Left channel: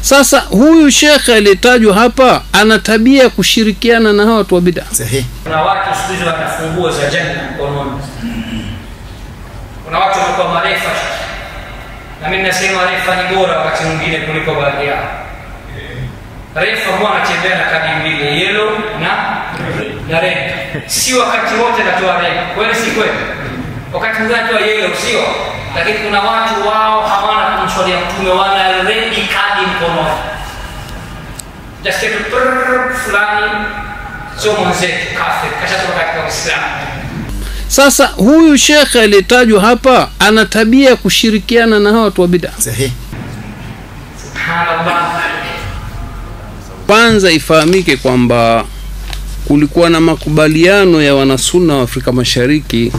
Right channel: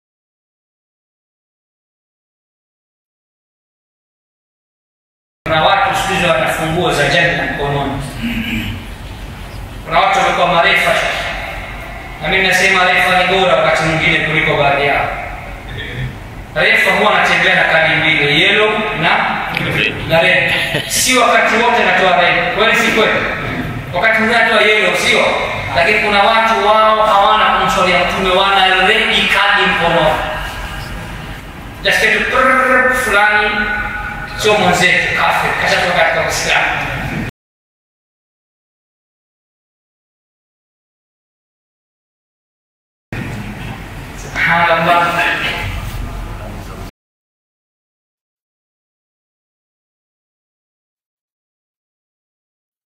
Sasa huyu shekhe aliyetajwa hapa ana tabia kushirikiana na hawa watu wa bid'a. Sahihi. Kuna watu siku hizi wana funguo za janna mkononi. Kuna watu wanakuwa marefa. Na mimi nasema refa ni bora wakati mwingine kuliko baadhi yao. Refa huwa anatembea na kadi mbili, yellow na red. Si wakati wote natoa red. Kweli si kweli? Wakati mwingine natoa yellow sio? Lakini kuna watu wao hawana kumswalia Mtume, wana red kadi mkononi. Dasikia tu fulani sio mwenzetu kafir, kashatoka katika Uislamu. Sasa huyu shekhe aliyetajwa hapa ana tabia kushirikiana na hawa watu wa bid'a. Sahihi. Subhanallah. Kwanza ifahamike kwamba kulikuwa na makubaliano ya wanasunna wa Afrika Mashariki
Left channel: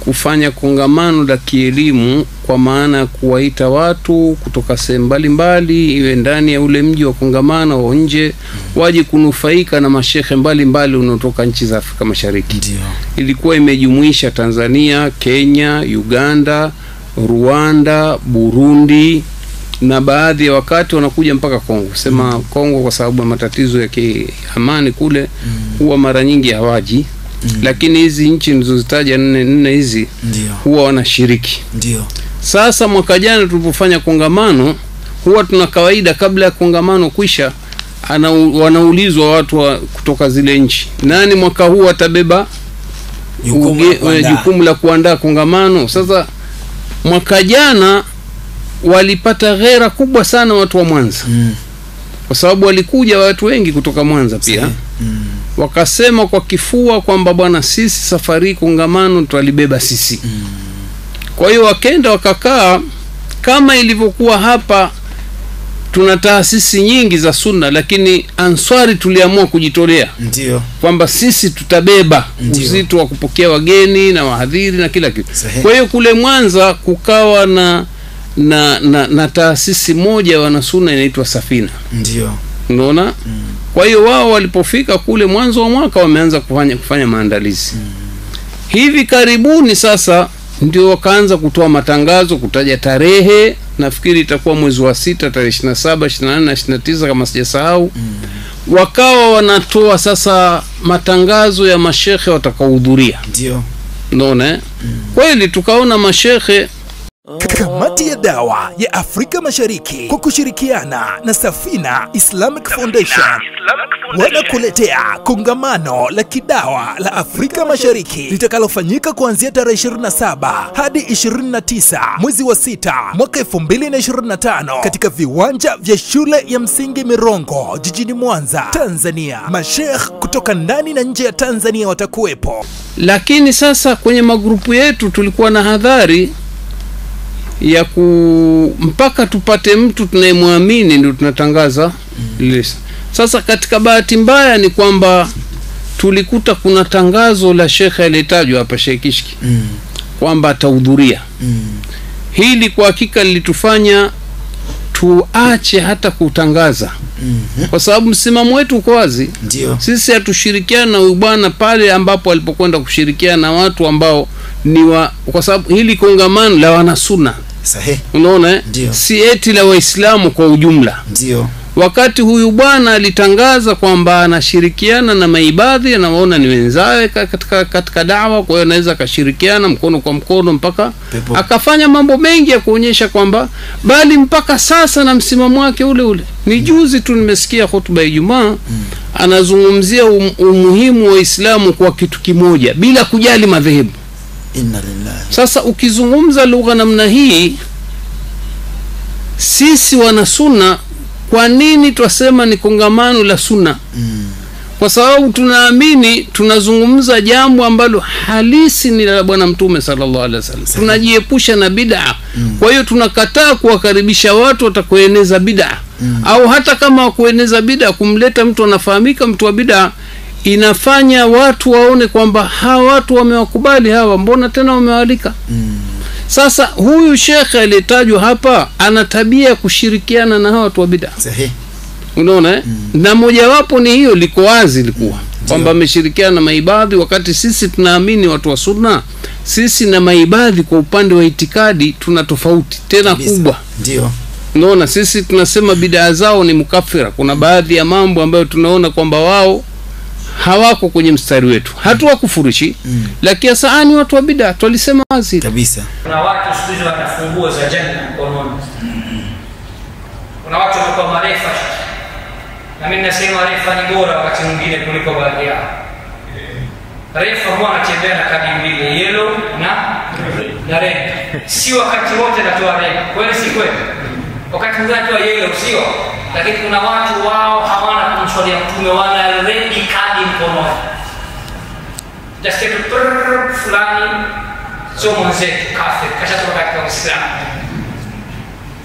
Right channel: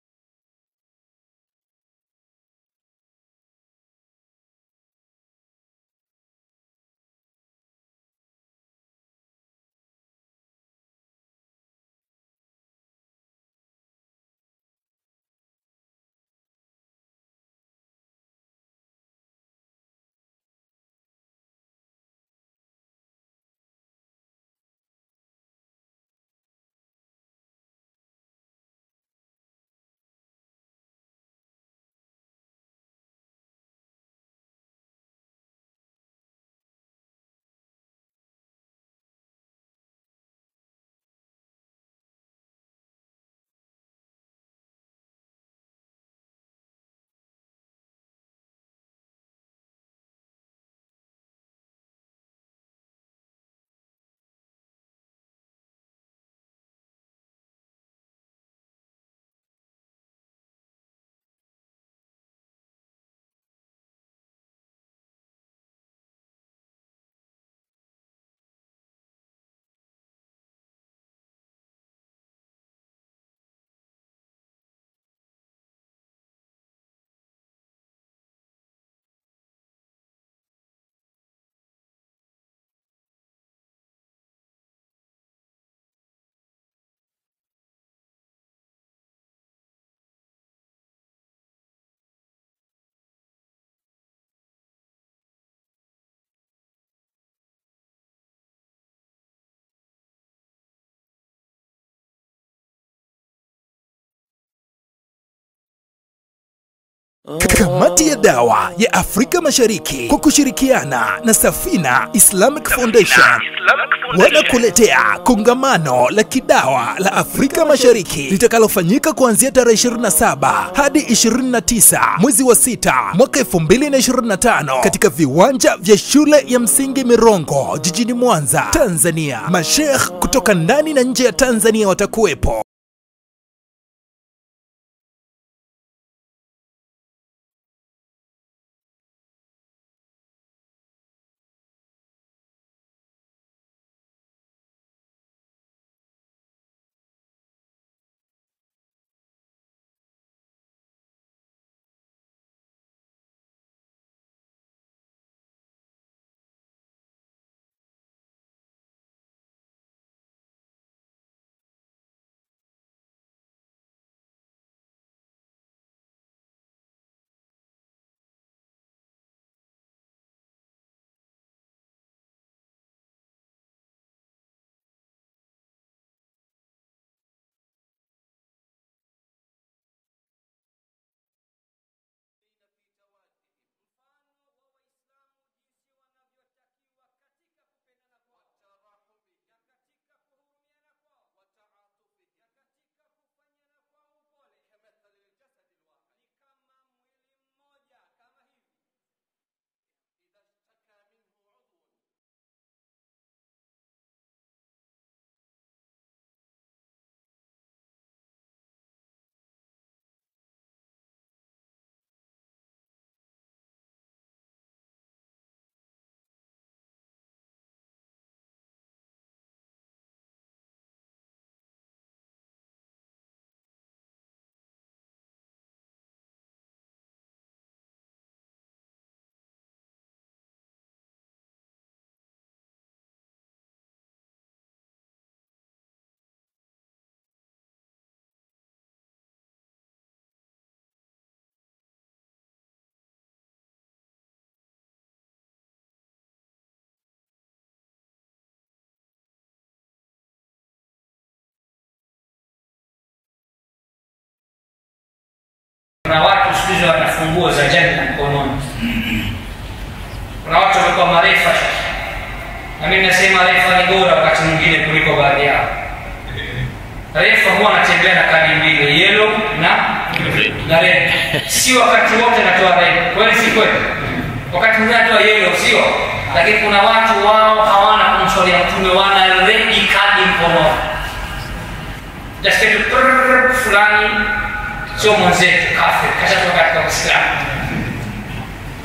kufanya kongamano la kielimu, kwa maana ya kuwaita watu kutoka sehemu mbalimbali, iwe ndani ya ule mji wa kongamano au nje, waje kunufaika na mashehe mbalimbali unaotoka nchi za Afrika Mashariki. Ndio. Ilikuwa imejumuisha Tanzania, Kenya, Uganda, Rwanda, Burundi, na baadhi ya wakati wanakuja mpaka Kongo. Sema Kongo kwa sababu ya matatizo ya kiamani kule, huwa mara nyingi hawaji. Lakini hizi nchi nilizozitaja nne hizi huwa wanashiriki. Ndio. Sasa mwaka jana tulipofanya kongamano, huwa tuna kawaida kabla ya kongamano kuisha wanaulizwa watu kutoka zile nchi, nani mwaka huu atabeba jukumu la kuandaa kongamano. Sasa mwaka jana walipata ghera kubwa sana watu wa Mwanza. Kwa sababu walikuja watu wengi kutoka Mwanza pia. Wakasema kwa kifua kwamba bwana, sisi safari kongamano tutalibeba sisi. Kwa hiyo wakenda wakakaa kama ilivyokuwa hapa. Tuna taasisi nyingi za sunna, lakini Answari tuliamua kujitolea. Ndio. Kwamba sisi tutabeba uzito wa kupokea wageni na wahadhiri na kila kitu. Kwa hiyo kule Mwanza kukawa na taasisi moja wanasunna inaitwa Safina. Ndio. Unaona? Kwa hiyo wao walipofika kule mwanzo wa mwaka wameanza kufanya maandalizi. Hivi karibuni sasa ndio wakaanza kutoa matangazo, kutaja tarehe. Nafikiri itakuwa mwezi wa 6, tarehe 27, 24 na 29 kama sijasahau. Wakawa wanatoa sasa matangazo ya mashehe watakaohudhuria. Ndio. Unaona? Kweli tukaona mashehe. Kamati ya Dawa ya Afrika Mashariki kwa kushirikiana na Safina Islamic Foundation wanakuletea kongamano la kidawa la Afrika Mashariki litakalofanyika kuanzia tarehe 27 hadi 29 mwezi wa 6 mwaka 2025 katika viwanja vya shule ya msingi Mirongo jijini Mwanza, Tanzania. Masheikh kutoka ndani na nje ya Tanzania watakuwepo. Lakini sasa kwenye magrupu yetu tulikuwa na hadhari ya mpaka tupate mtu tunayemwamini ndio tunatangaza list. Sasa katika bahati mbaya ni kwamba tulikuta kuna tangazo la shekhe aliyetajwa hapa, Sheikh Kishki, kwamba atahudhuria. Hili kwa hakika lilitufanya tuache hata kutangaza. Kwa sababu msimamo wetu uko wazi. Sisi hatushirikiana na huyu bwana pale ambapo alipokwenda kushirikiana na watu ambao kwa sababu hili kongamano la wanasunna. Sahihi. Unaona? Si eti la Waislamu kwa ujumla. Ndio. Wakati huyu bwana alitangaza kwamba anashirikiana na maibadhi, anawaona ni wenzawe katika dawa, kwa hiyo anaweza akashirikiana mkono kwa mkono mpaka akafanya mambo mengi ya kuonyesha kwamba bali mpaka sasa na msimamo wake ule. Ni juzi tu nimesikia hotuba ya Ijumaa anazungumzia umuhimu wa Uislamu kwa kitu kimoja bila kujali madhehebu. Inna lillahi. Sasa ukizungumza lugha namna hii, sisi wana sunna, kwa nini twasema ni kongamano la sunna? Kwa sababu tunaamini tunazungumza jambo ambalo halisi ni la Bwana Mtume sallallahu alaihi wasallam. Tunajiepusha na bid'a. Kwa hiyo tunakataa kuwakaribisha watu watakoeneza bid'a. Au hata kama kueneza bid'a, kumleta mtu anafahamika mtu wa bid'a, inafanya watu waone kwamba hawa watu wamewakubali hawa, mbona tena wamewalika. Sasa huyu shekhe aliyetajwa hapa ana tabia kushirikiana na hawa watu wa bid'a. Sahihi. Unaona? Na mojawapo ni hiyo, liko wazi likuwa kwamba ameshirikiana na maibadhi, wakati sisi tunaamini watu wa sunna, sisi na maibadhi kwa upande wa itikadi tuna tofauti tena kubwa. Ndio. Unaona, sisi tunasema bid'a zao ni mukafira. Kuna baadhi ya mambo ambayo tunaona kwamba wao hawako kwenye mstari wetu, hatuwakufurishi, lakini sasa ni watu wa bid'a, tulisema wazi kabisa. Kuna watu siku hizi wana funguo za janna mkononi. Kuna watu wamekuwa marefa, na mimi nasema refa ni bora wakati mwingine kuliko baadhi yao. Refa huwa anatembea na kadi mbili, yellow na red. Si wakati wote natoa red, kweli si kweli? Wakati mwingine natoa yellow, sio? Lakini kuna watu wao hawana kumswalia Mtume, wana red kadi mkononi. Just kitu fulani sio mwenzetu kafir, kashatoka katika Uislamu.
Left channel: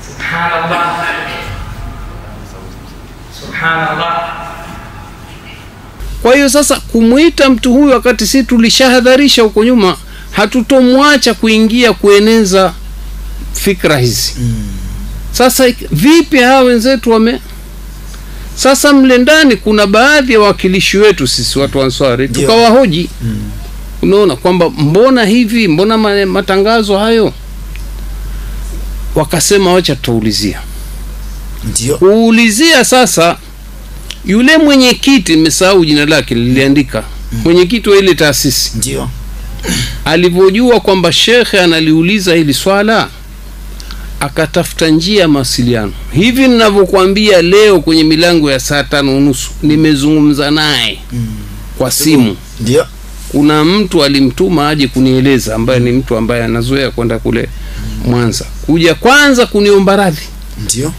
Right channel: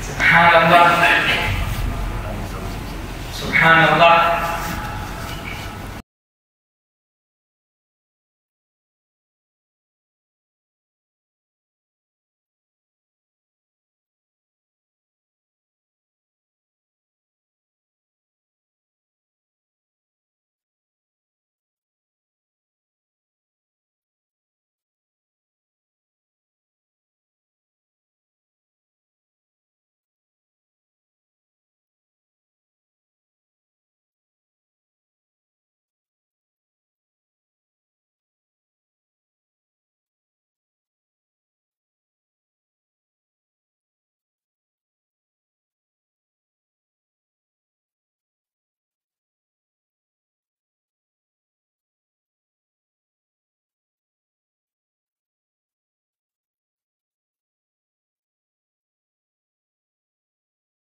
Subhanallah. Subhanallah. Kwa hiyo sasa kumuita mtu huyu wakati sisi tulishahadharisha huko nyuma, hatutomwacha kuingia kueneza fikra hizi. Sasa vipi hawa wenzetu sasa mle ndani kuna baadhi ya wakilishi wetu sisi watu wa Ansari tukawahoji. Unaona kwamba mbona hivi, mbona matangazo hayo? Wakasema wacha tutaulizia. Ndio. Kuulizia sasa, yule mwenyekiti, nimesahau jina lake, liliandika mwenyekiti wa ile taasisi, ndio alivyojua kwamba shekhe analiuliza hili swala, akatafuta njia mawasiliano. Hivi ninavyokuambia leo kwenye milango ya saa 5:30 nimezungumza naye kwa simu. Ndio. Kuna mtu alimtuma aje kunieleza, ambaye ni mtu ambaye anazoea kwenda kule Mwanza, kuja kwanza kuniomba radhi. Ndio.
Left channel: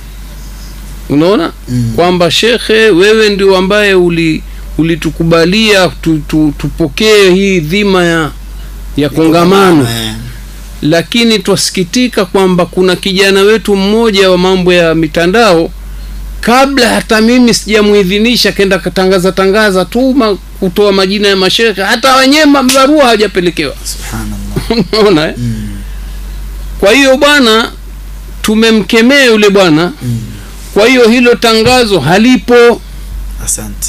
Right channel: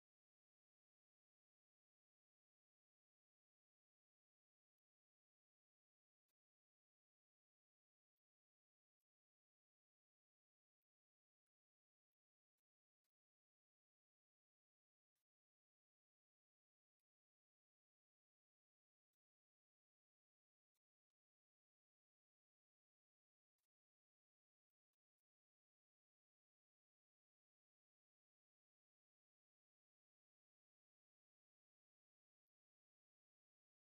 Unaona kwamba shekhe, wewe ndio ambaye ulitukubalia tupokee hii dhima ya kongamano, lakini twasikitika kwamba kuna kijana wetu mmoja wa mambo ya mitandao, kabla hata mimi sijamuidhinisha, kenda tangaza tu kutoa majina ya mashekhe, hata wenyewe barua hawajapelekewa. Subhanallah. Unaona Kwa hiyo bwana, tumemkemea yule bwana. Kwa hiyo hilo tangazo halipo. Asante.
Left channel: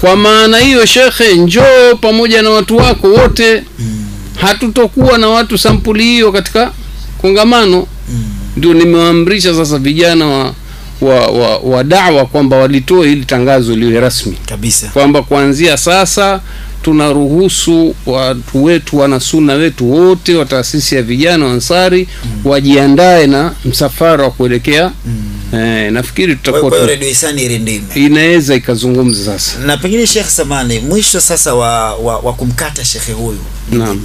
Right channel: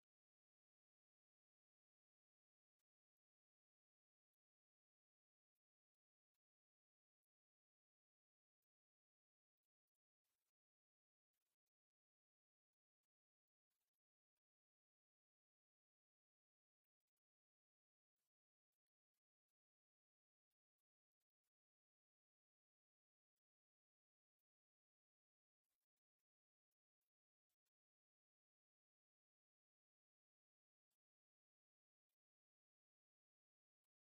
Kwa maana hiyo shekhe, njoo pamoja na watu wako wote. Hatutokuwa na watu sampuli hiyo katika kongamano. Ndio nimewaamrisha sasa vijana wa da'wa kwamba walitoe hili tangazo liwe rasmi kabisa, kwamba kuanzia sasa tunaruhusu watu wetu, wana sunna wetu wote wa taasisi ya vijana wa Ansari wajiandae na msafara wa kuelekea. Nafikiri tutakuwa kwa Radio Ihsani Irindime inaweza ikazungumza sasa. Na pengine Sheikh Samani, mwisho sasa wa kumkata shekhe huyu. Naam.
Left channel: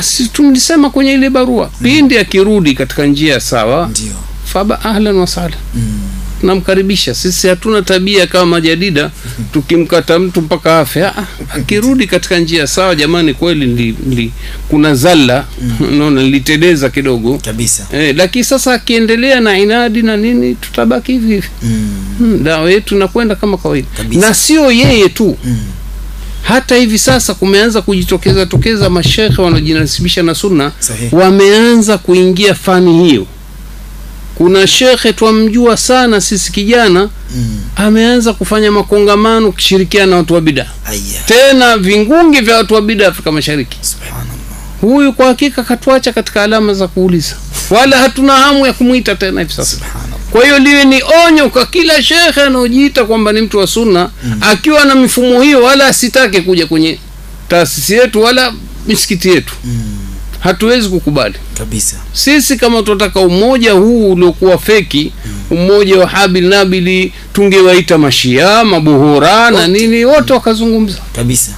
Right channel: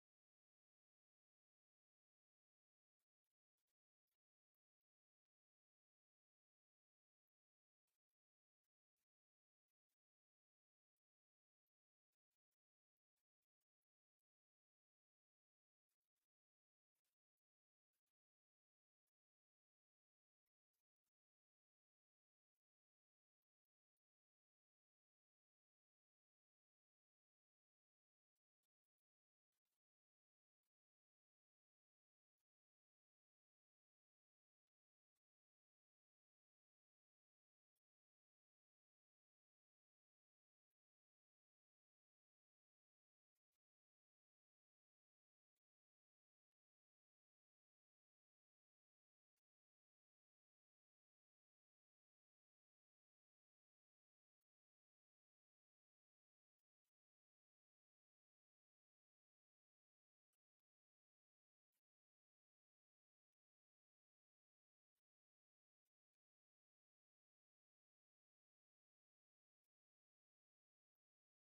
Si tulisema kwenye ile barua, pindi akirudi katika njia sawa, ndio faba ahlan wa sahlan. Tunamkaribisha. Sisi hatuna tabia kama jadida tukimkata mtu mpaka afe. Akirudi katika njia sawa, jamani, kweli kuna zalla, unaona, niliteleza kidogo kabisa. Lakini sasa akiendelea na inadi na nini, tutabaki hivi hivi. Dawa yetu nakwenda kama kawaida. Na sio yeye tu. Hata hivi sasa kumeanza kujitokeza mashekhe wanaojinasibisha na sunna. Wameanza kuingia fani hiyo. Kuna shekhe twamjua sana sisi kijana, ameanza kufanya makongamano kushirikiana na watu wa bid'a. Tena vingungi vya watu wa bid'a Afrika Mashariki. Subhanallah. Huyu kwa hakika katuacha katika alama za kuuliza. Wala hatuna hamu ya kumuita tena hivi sasa. Kwa hiyo liwe ni onyo kwa kila shekhe anaojiita kwamba ni mtu wa sunna, akiwa na mifumo hiyo, wala asitake kuja kwenye taasisi yetu wala misikiti yetu. Hatuwezi kukubali kabisa. Sisi kama tunataka umoja huu uliokuwa feki, umoja wa Habil Nabili, tungewaita mashia, mabuhura na nini, wote wakazungumza kabisa.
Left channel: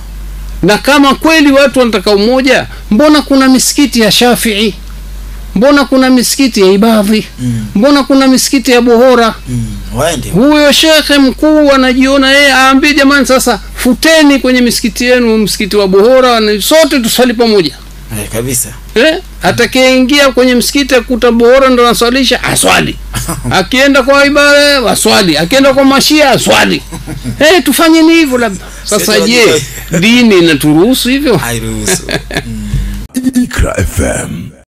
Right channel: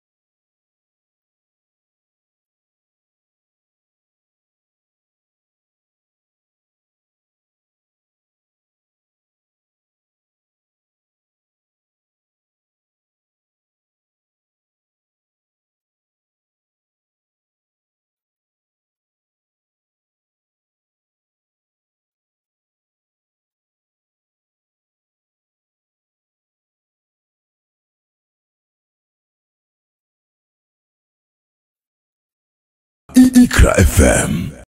Na kama kweli watu wanataka umoja, mbona kuna misikiti ya Shafi'i? Mbona kuna misikiti ya Ibadhi? Mbona kuna misikiti ya Buhora? Huyo shekhe mkuu anajiona yeye, aambie jamani, sasa futeni kwenye misikiti yenu msikiti wa Buhora, na sote tusali pamoja. Kabisa. Atakayeingia kwenye msikiti akuta Buhora ndo anaswalisha, aswali. Akienda kwa ibada waswali, akienda kwa mashia aswali. Tufanye ni hivyo labda. Sasa je, dini inaturuhusu hivyo? Hairuhusu. Iqra FM.